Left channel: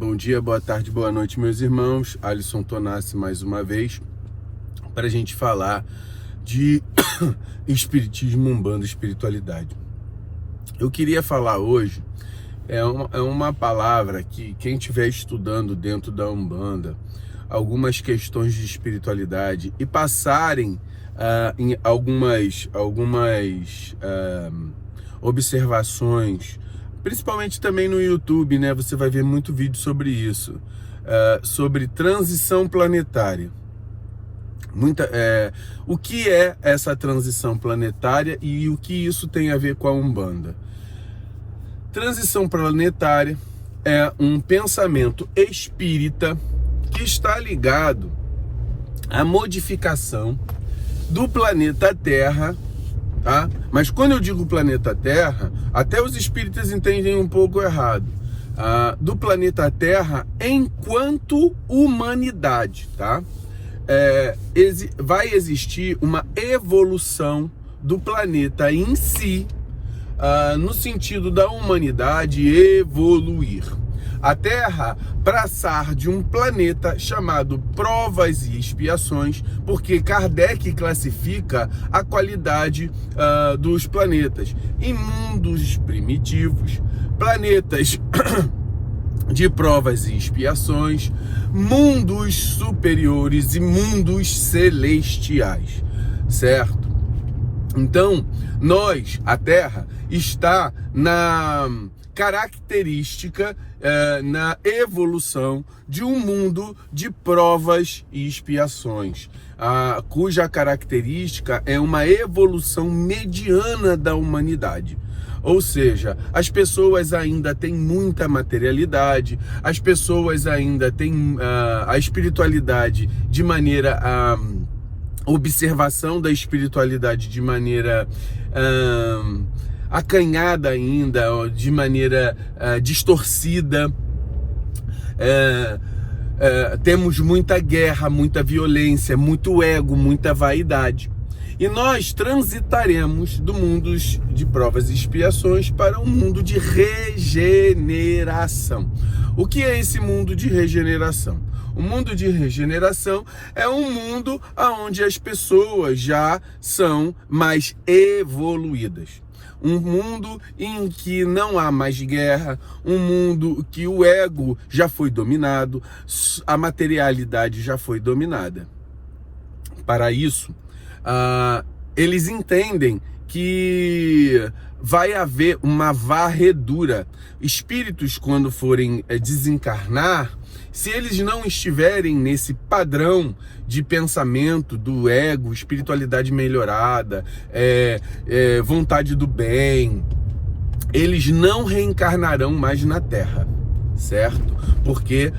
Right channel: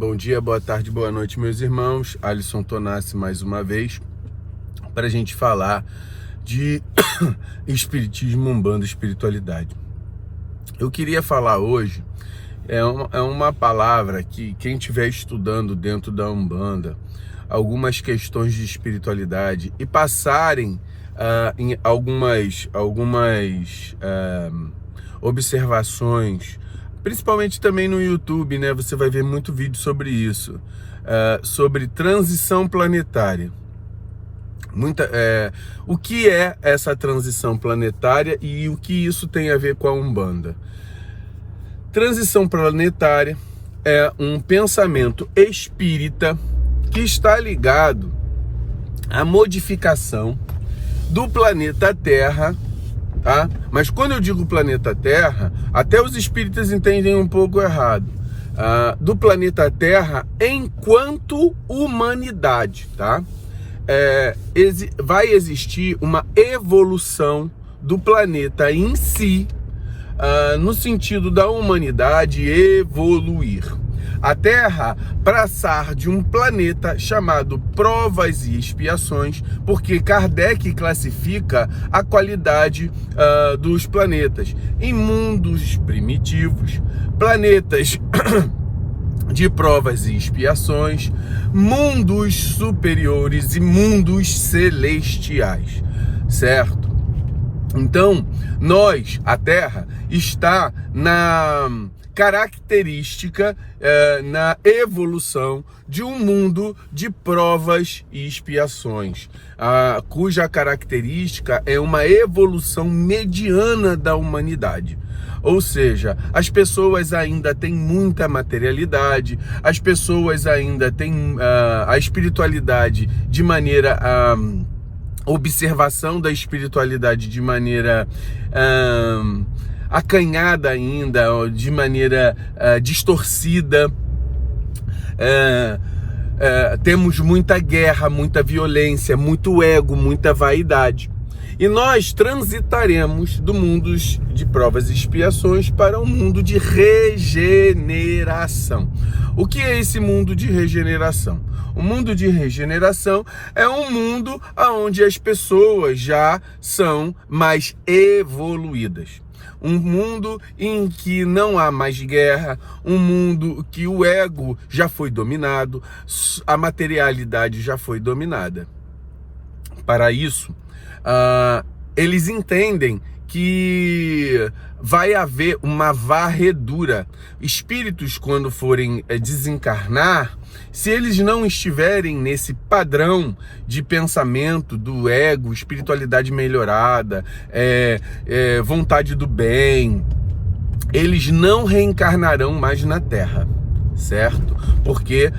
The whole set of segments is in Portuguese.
Bom dia, boa tarde, boa noite, meus irmãos. Alisson Tonassi mais uma vez para a gente falar de espiritismo, umbanda, espiritualidade. Eu queria falar hoje, é uma palavra que quem estiver estudando dentro da umbanda algumas questões de espiritualidade e passarem em algumas observações, principalmente também no YouTube, né? Você vai ver muito vídeo sobre isso, sobre transição planetária. O que é essa transição planetária e o que isso tem a ver com a Umbanda? Transição planetária é um pensamento espírita que está ligado à modificação do planeta Terra, tá? Mas quando eu digo planeta Terra, até os espíritas entendem um pouco errado. Do planeta Terra enquanto humanidade, tá? Vai existir uma evolução do planeta em si, no sentido da humanidade evoluir. A Terra passar de um planeta chamado provas e expiações, porque Kardec classifica a qualidade dos planetas em mundos primitivos, planetas de provas e expiações, mundos superiores e mundos celestiais, certo? Então, a Terra, está na característica, na evolução de um mundo de provas e expiações, cuja característica é uma evolução mediana da humanidade. Ou seja, as pessoas ainda têm muita materialidade, as pessoas ainda têm a espiritualidade de maneira observação da espiritualidade de maneira acanhada ainda, de maneira distorcida. Temos muita guerra, muita violência, muito ego, muita vaidade. E nós transitaremos do mundo de provas e expiações para um mundo de regeneração. O que é esse mundo de regeneração? O mundo de regeneração é um mundo onde as pessoas já são mais evoluídas. Um mundo em que não há mais guerra, um mundo que o ego já foi dominado, a materialidade já foi dominada. Para isso, eles entendem que vai haver uma varredura. Espíritos, quando forem desencarnar, se eles não estiverem nesse padrão de pensamento do ego, espiritualidade melhorada, vontade do bem, eles não reencarnarão mais na Terra, certo? Porque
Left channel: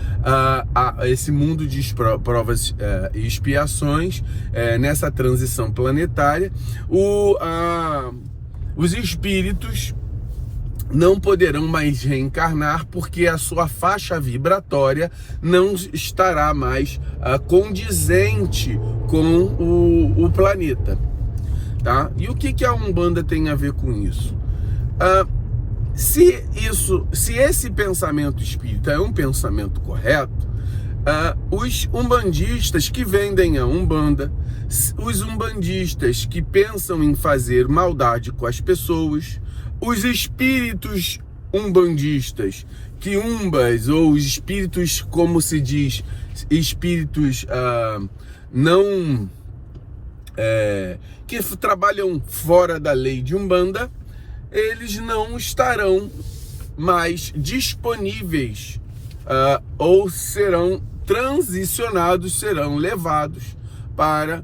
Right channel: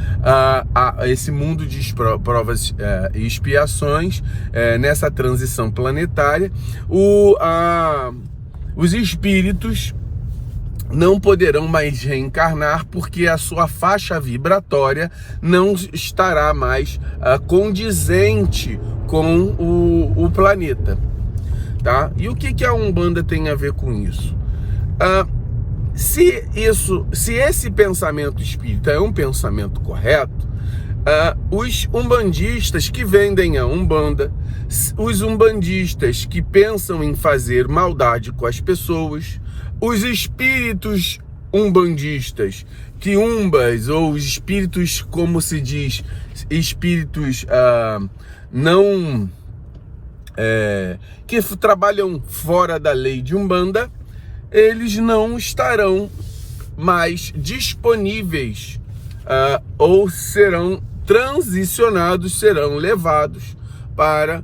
esse mundo de provas e expiações, nessa transição planetária, os espíritos não poderão mais reencarnar porque a sua faixa vibratória não estará mais condizente com o planeta, tá? E o que a Umbanda tem a ver com isso? Se esse pensamento espírita é um pensamento correto, os umbandistas que vendem a Umbanda, os umbandistas que pensam em fazer maldade com as pessoas, os espíritos umbandistas, quiumbas, ou espíritos, como se diz, espíritos que trabalham fora da lei de Umbanda, eles não estarão mais disponíveis ou serão transicionados, serão levados para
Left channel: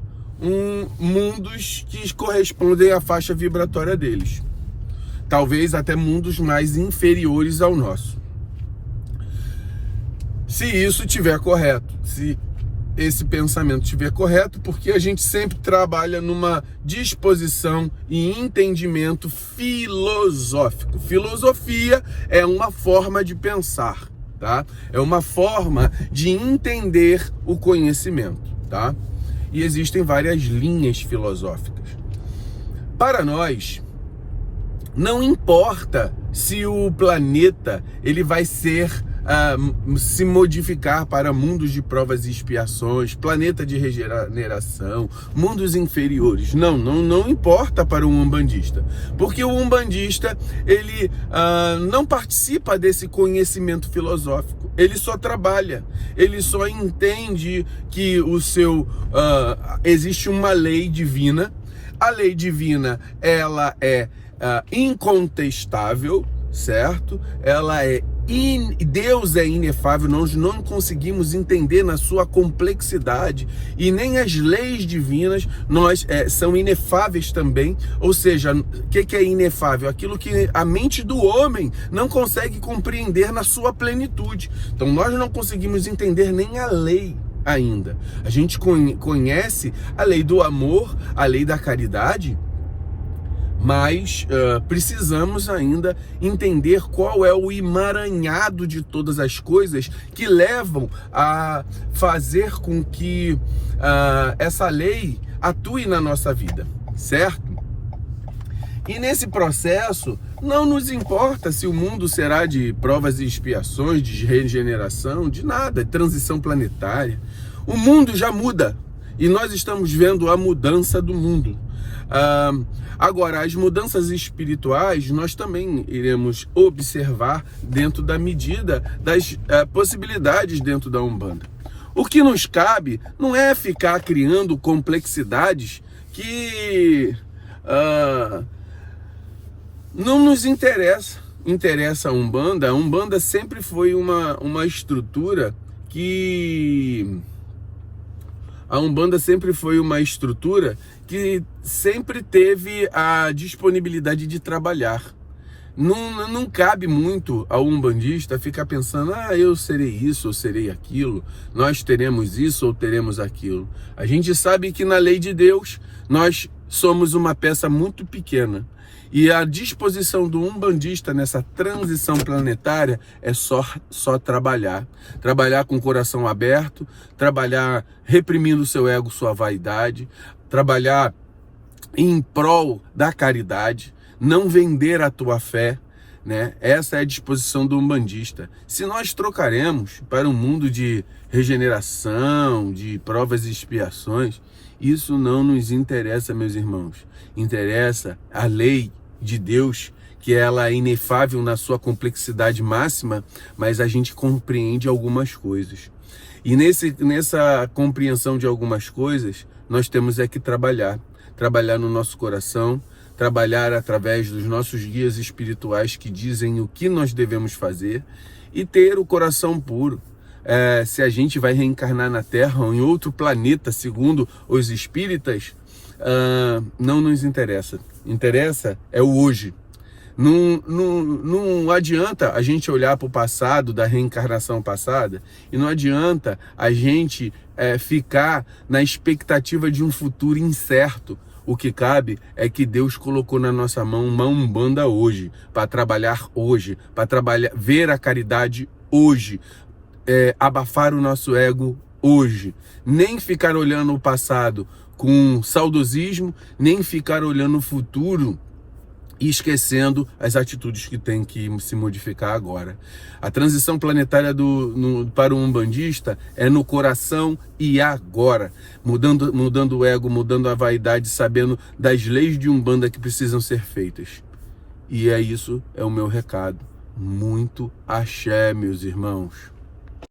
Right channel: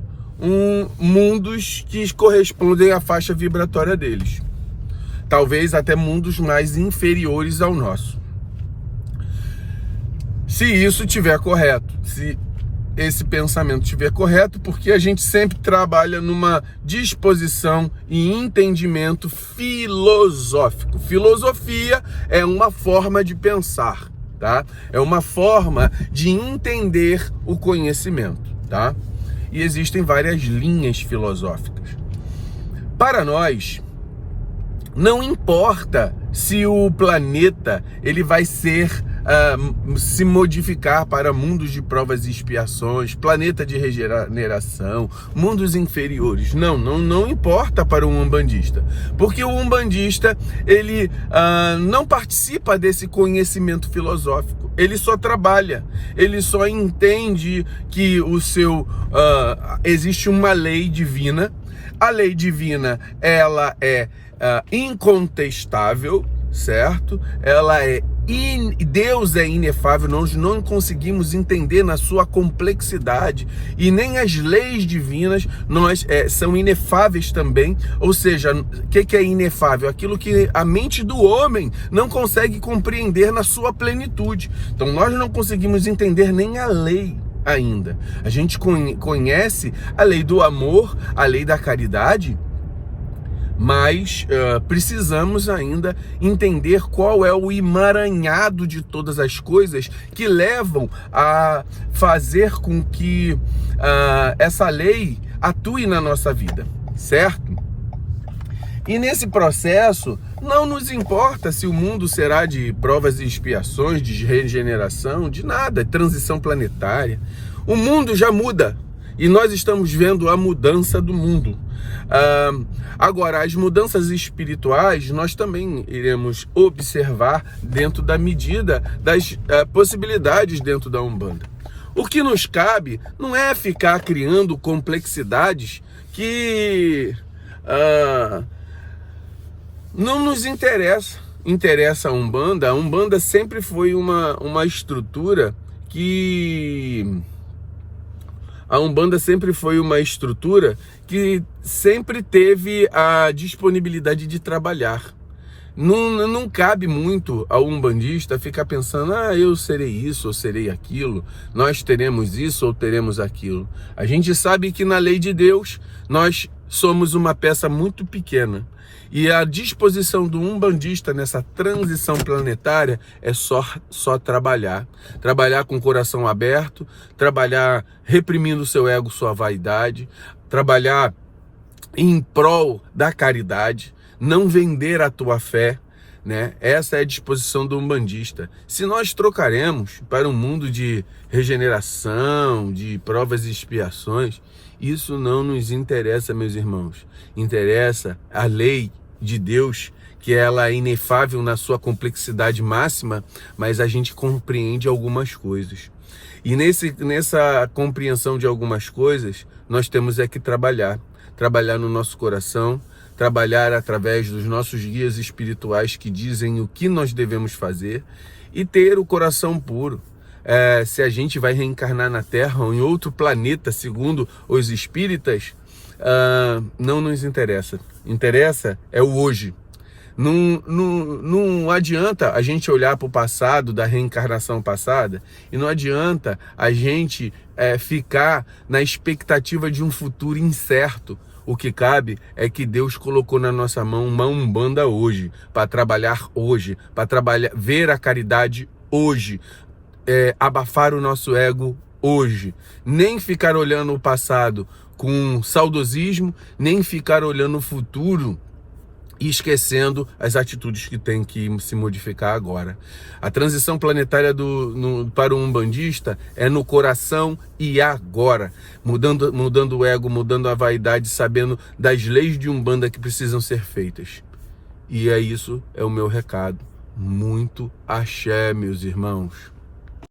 mundos que correspondem à faixa vibratória deles. Talvez até mundos mais inferiores ao nosso. Se isso estiver correto, se esse pensamento estiver correto, porque a gente sempre trabalha numa disposição e entendimento filosófico. Filosofia é uma forma de pensar, tá? É uma forma de entender o conhecimento, tá? E existem várias linhas filosóficas. Para nós, não importa se o planeta ele vai ser se modificar para mundos de provas e expiações, planeta de regeneração, mundos inferiores. Não importa para o umbandista, porque o umbandista ele não participa desse conhecimento filosófico, ele só trabalha, ele só entende que existe uma lei divina. A lei divina, ela é incontestável, certo? Deus é inefável, nós não conseguimos entender na sua complexidade, e nem as leis divinas são inefáveis também. Ou seja, o que é inefável? Aquilo que a mente do homem não consegue compreender na sua plenitude. Então nós não conseguimos entender nem a lei ainda. A gente conhece a lei do amor, a lei da caridade, mas precisamos ainda entender qual é o emaranhado de todas as coisas que levam a fazer com que essa lei atue na nossa vida, certo? E nesse processo, não nos importa se o mundo será de provas e expiações, de regeneração, de nada, de transição planetária. O mundo já muda e nós estamos vendo a mudança do mundo. Agora, as mudanças espirituais nós também iremos observar dentro da medida das possibilidades dentro da Umbanda. O que nos cabe não é ficar criando complexidades que não nos interessa a Umbanda. A Umbanda sempre foi uma estrutura que... A Umbanda sempre foi uma estrutura que sempre teve a disponibilidade de trabalhar. Não cabe muito ao umbandista ficar pensando, eu serei isso ou serei aquilo, nós teremos isso ou teremos aquilo. A gente sabe que na lei de Deus nós somos uma peça muito pequena. E a disposição do umbandista nessa transição planetária é só trabalhar. Trabalhar com o coração aberto, trabalhar reprimindo o seu ego, sua vaidade, trabalhar em prol da caridade, não vender a tua fé, né? Essa é a disposição do umbandista. Se nós trocaremos para um mundo de regeneração, de provas e expiações, isso não nos interessa, meus irmãos. Interessa a lei de Deus, que ela é inefável na sua complexidade máxima, mas a gente compreende algumas coisas. E nessa compreensão de algumas coisas, nós temos que trabalhar no nosso coração, trabalhar através dos nossos guias espirituais que dizem o que nós devemos fazer e ter o coração puro. Se a gente vai reencarnar na Terra ou em outro planeta, segundo os espíritas, não nos interessa. Interessa é o hoje. Não adianta a gente olhar para o passado, da reencarnação passada, e não adianta a gente ficar na expectativa de um futuro incerto. O que cabe é que Deus colocou na nossa mão uma Umbanda hoje, para trabalhar hoje, para ver a caridade hoje, abafar o nosso ego hoje. Nem ficar olhando o passado com saudosismo, nem ficar olhando o futuro e esquecendo as atitudes que tem que se modificar agora. A transição planetária para o umbandista é no coração e agora, mudando o ego, mudando a vaidade, sabendo das leis de Umbanda que precisam ser feitas. E isso é o meu recado. Muito axé, meus irmãos.